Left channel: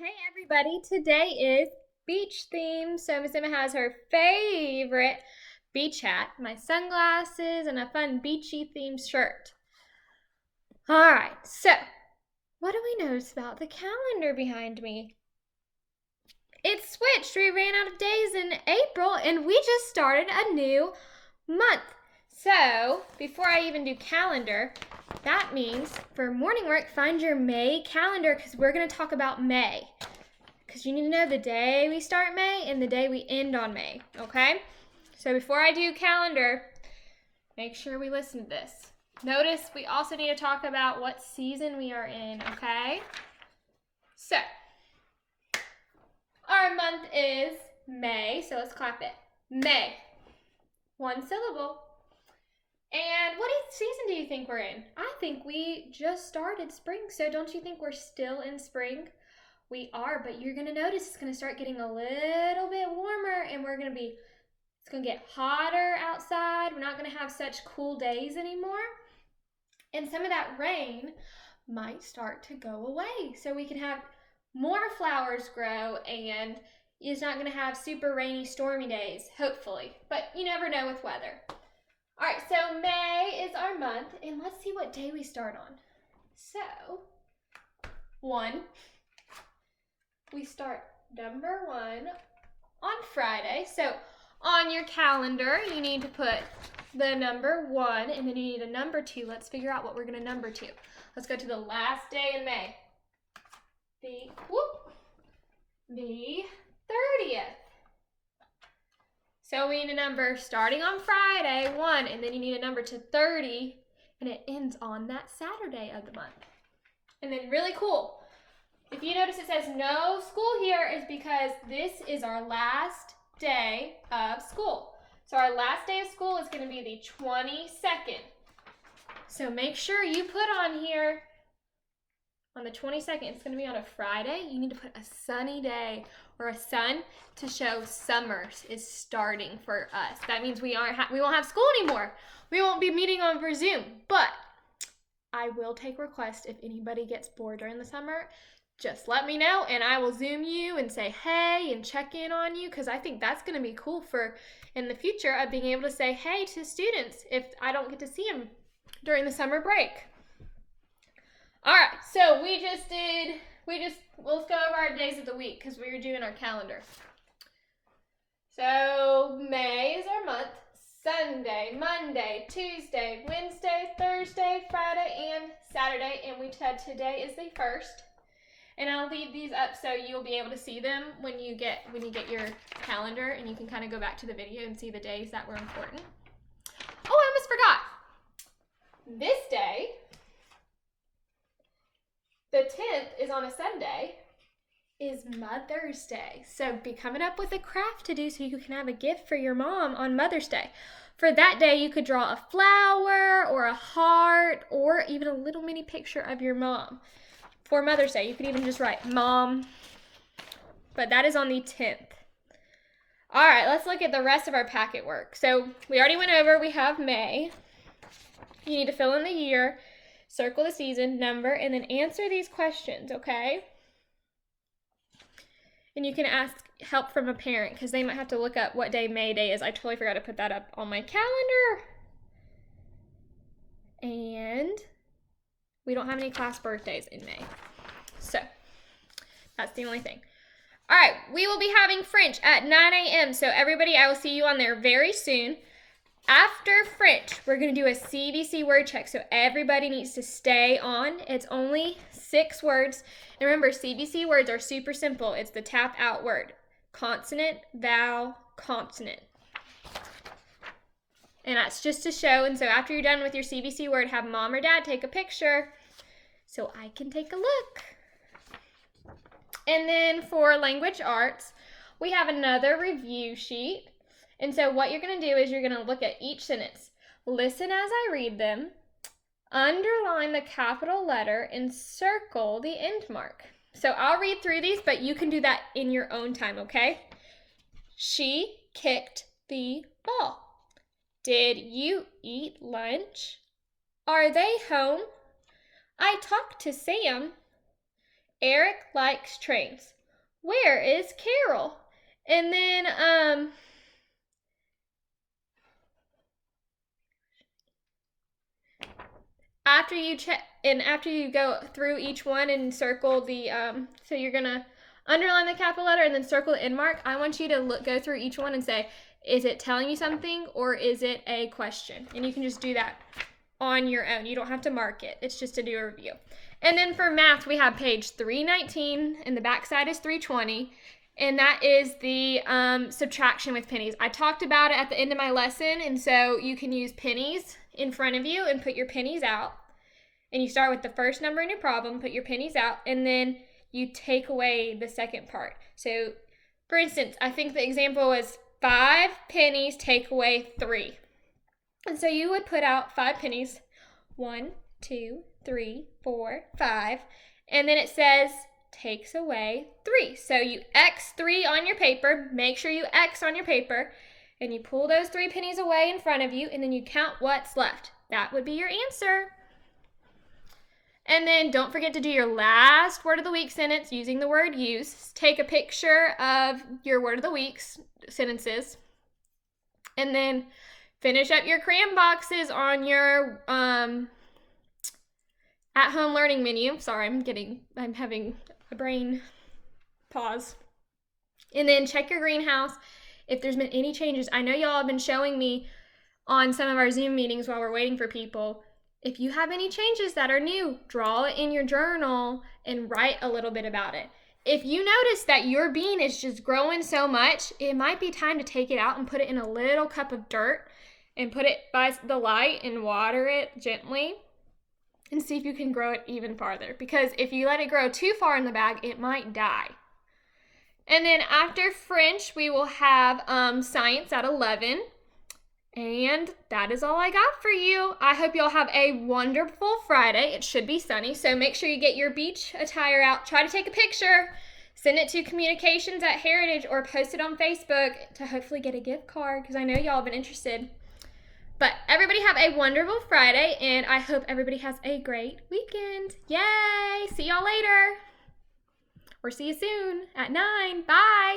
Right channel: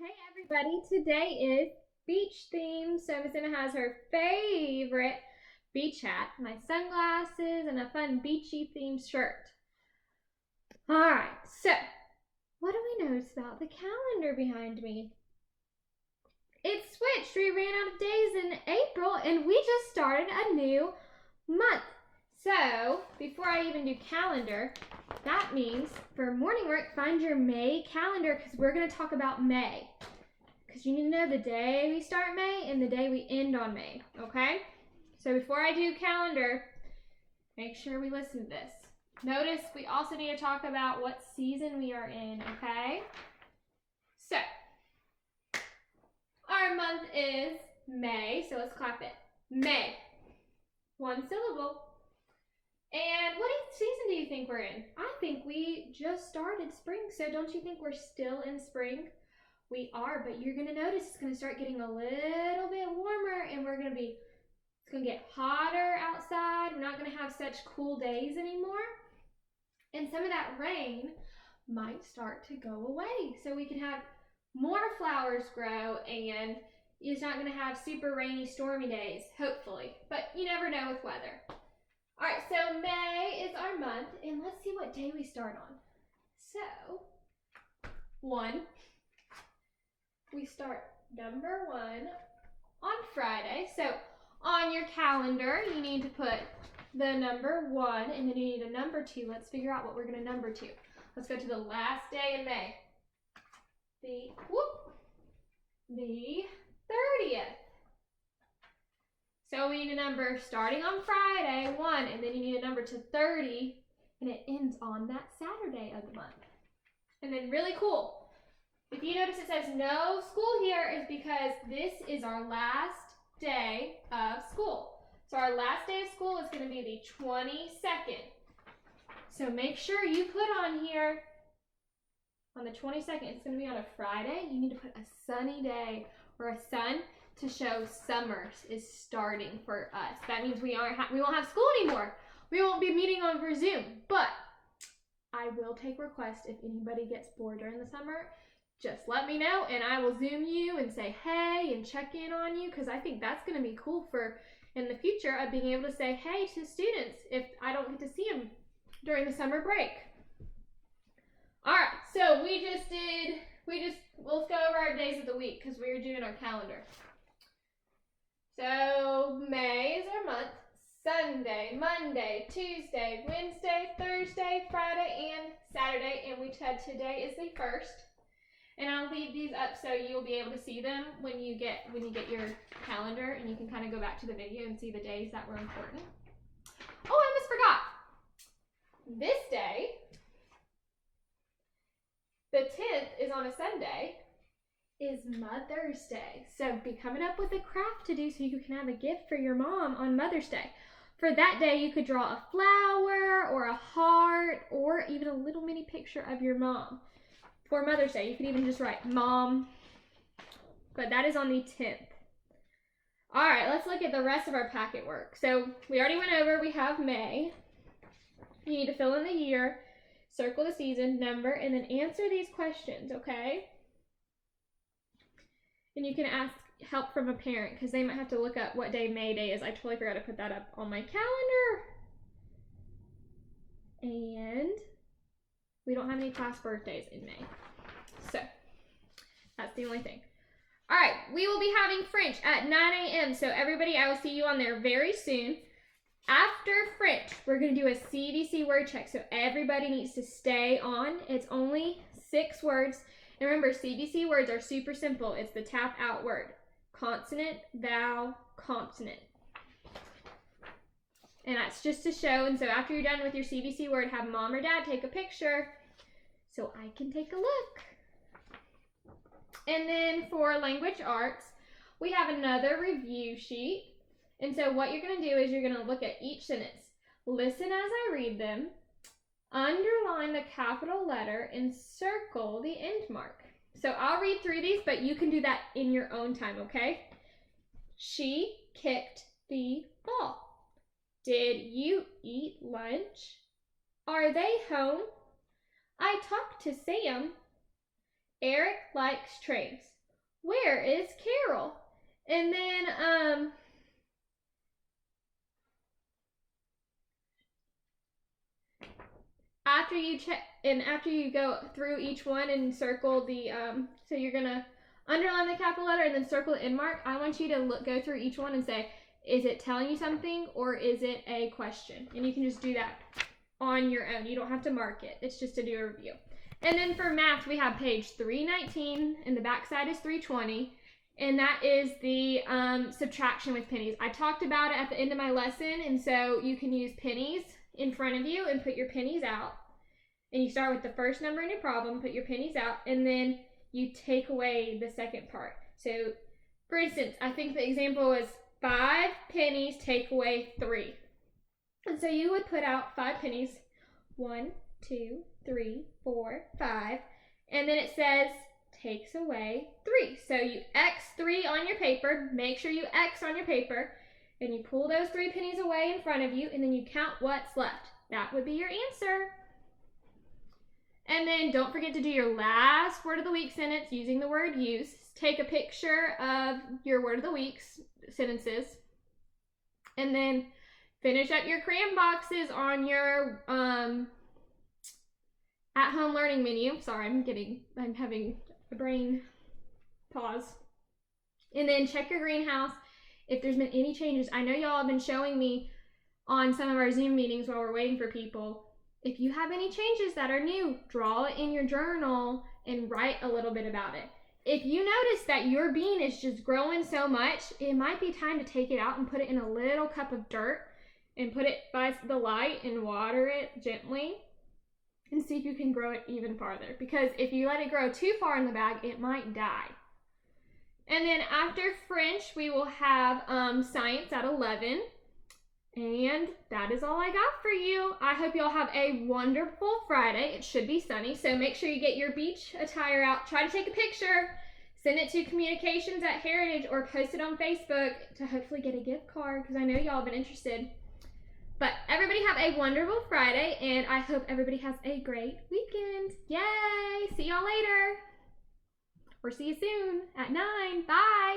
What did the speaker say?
Hey everybody, today is beach theme. So Miss Emma has her favorite beach hat, my sunglasses, and a fun beachy themed shirt. Alright, so what do we notice about the calendar behind me? It switched. We ran out of days in April and we just started a new month. So before I even do calendar, that means for morning work, find your May calendar because we're going to talk about May. Because you need to know the day we start May and the day we end on May, okay? So before I do calendar, make sure we listen to this. Notice we also need to talk about what season we are in, okay? So, our month is May, so let's clap it. May. One syllable. And what season do you think we're in? I think we just started spring, so don't you think we're still in spring? We are, but you're gonna notice it's gonna start getting a little bit warmer and it's gonna get hotter outside. We're not gonna have such cool days anymore. And some of that rain might start to go away. So we can have more flowers grow and it's not gonna have super rainy, stormy days, hopefully. But you never know with weather. All right, so May is our month and let's see what day we start on. So, we start number 1 on Friday. So on your calendar, you need to put the number 1 and then you need a number 2. Let's figure out what we're going to number to. Let's go to the last day in May. The 30th. So we need a number starting on Friday, 1, and then you need a number to 30, and it ends on that Saturday of the month. And then really cool, if you notice it says no school here is because this is our last day of school. So our last day of school is going to be the 22nd. So make sure you put on here on the 22nd, it's going to be on a Friday. You need to put a sunny day or a sun to show summer is starting for us. That means we won't have school anymore. We won't be meeting over Zoom, but I will take requests if anybody gets bored during the summer. Just let me know and I will Zoom you and say hey and check in on you because I think that's going to be cool for in the future of being able to say hey to students if I don't get to see them during the summer break. All right, so let's go over our days of the week because we were doing our calendar. So May is our month. Sunday, Monday, Tuesday, Wednesday, Thursday, Friday, and Saturday, and we said today is the 1st. And I'll leave these up so you'll be able to see them when you get your calendar and you can kind of go back to the video and see the days that were important. Oh, I almost forgot. This day, the 10th is on a Sunday, is Mother's Day. So be coming up with a craft to do so you can have a gift for your mom on Mother's Day. For that day, you could draw a flower or a heart or even a little mini picture of your mom. For Mother's Day, you could even just write Mom. But that is on the 10th. All right, let's look at the rest of our packet work. So we already went over, we have May. You need to fill in the year, circle the season, number, and then answer these questions, okay? And you can ask help from a parent because they might have to look up what day May Day is. I totally forgot to put that up on my calendar. And we don't have any class birthdays in May. So that's the only thing. All right, we will be having French at 9 a.m. So everybody, I will see you on there very soon. After French, we're going to do a CVC word check. So everybody needs to stay on. It's only 6 words. And remember, CVC words are super simple. It's the tap out word. Consonant, vowel, consonant. And that's just to show. And so after you're done with your CVC word, have mom or dad take a picture so I can take a look. And then for language arts, we have another review sheet. And so what you're going to do is you're going to look at each sentence. Listen as I read them. Underline the capital letter and circle the end mark. So I'll read through these, but you can do that in your own time, okay? She kicked the ball. Did you eat lunch? Are they home? I talked to Sam. Eric likes trains. Where is Carol? And then, after you go through each one and circle the, so you're gonna underline the capital letter and then circle the end mark. I want you to go through each one and say, is it telling you something or is it a question? And you can just do that on your own. You don't have to mark it. It's just to do a review. And then for math, we have page 319 and the back side is 320. And that is the subtraction with pennies. I talked about it at the end of my lesson. And so you can use pennies in front of you and put your pennies out. And you start with the first number in your problem, put your pennies out, and then you take away the second part. So for instance, I think the example was 5 pennies take away 3. And so you would put out 5 pennies, 1, 2, 3, 4, 5, and then it says takes away 3. So you X 3 on your paper, make sure you X on your paper, and you pull those 3 pennies away in front of you, and then you count what's left. That would be your answer. And then don't forget to do your last word of the week sentence using the word use. Take a picture of your word of the week sentences. And then finish up your crayon boxes on your at-home learning menu. Sorry, I'm having a brain pause. And then check your greenhouse if there's been any changes. I know y'all have been showing me on some of our Zoom meetings while we're waiting for people. If you have any changes that are new, draw it in your journal and write a little bit about it. If you notice that your bean is just growing so much, it might be time to take it out and put it in a little cup of dirt and put it by the light and water it gently and see if you can grow it even farther. Because if you let it grow too far in the bag, it might die. And then after French, we will have science at 11. And that is all I got for you. I hope y'all have a wonderful Friday. It should be sunny, so make sure you get your beach attire out. Try to take a picture, send it to Communications at Heritage, or post it on Facebook to hopefully get a gift card, because I know y'all have been interested. But everybody have a wonderful Friday, and I hope everybody has a great weekend. Yay! See y'all later. Or see you soon at 9. Bye.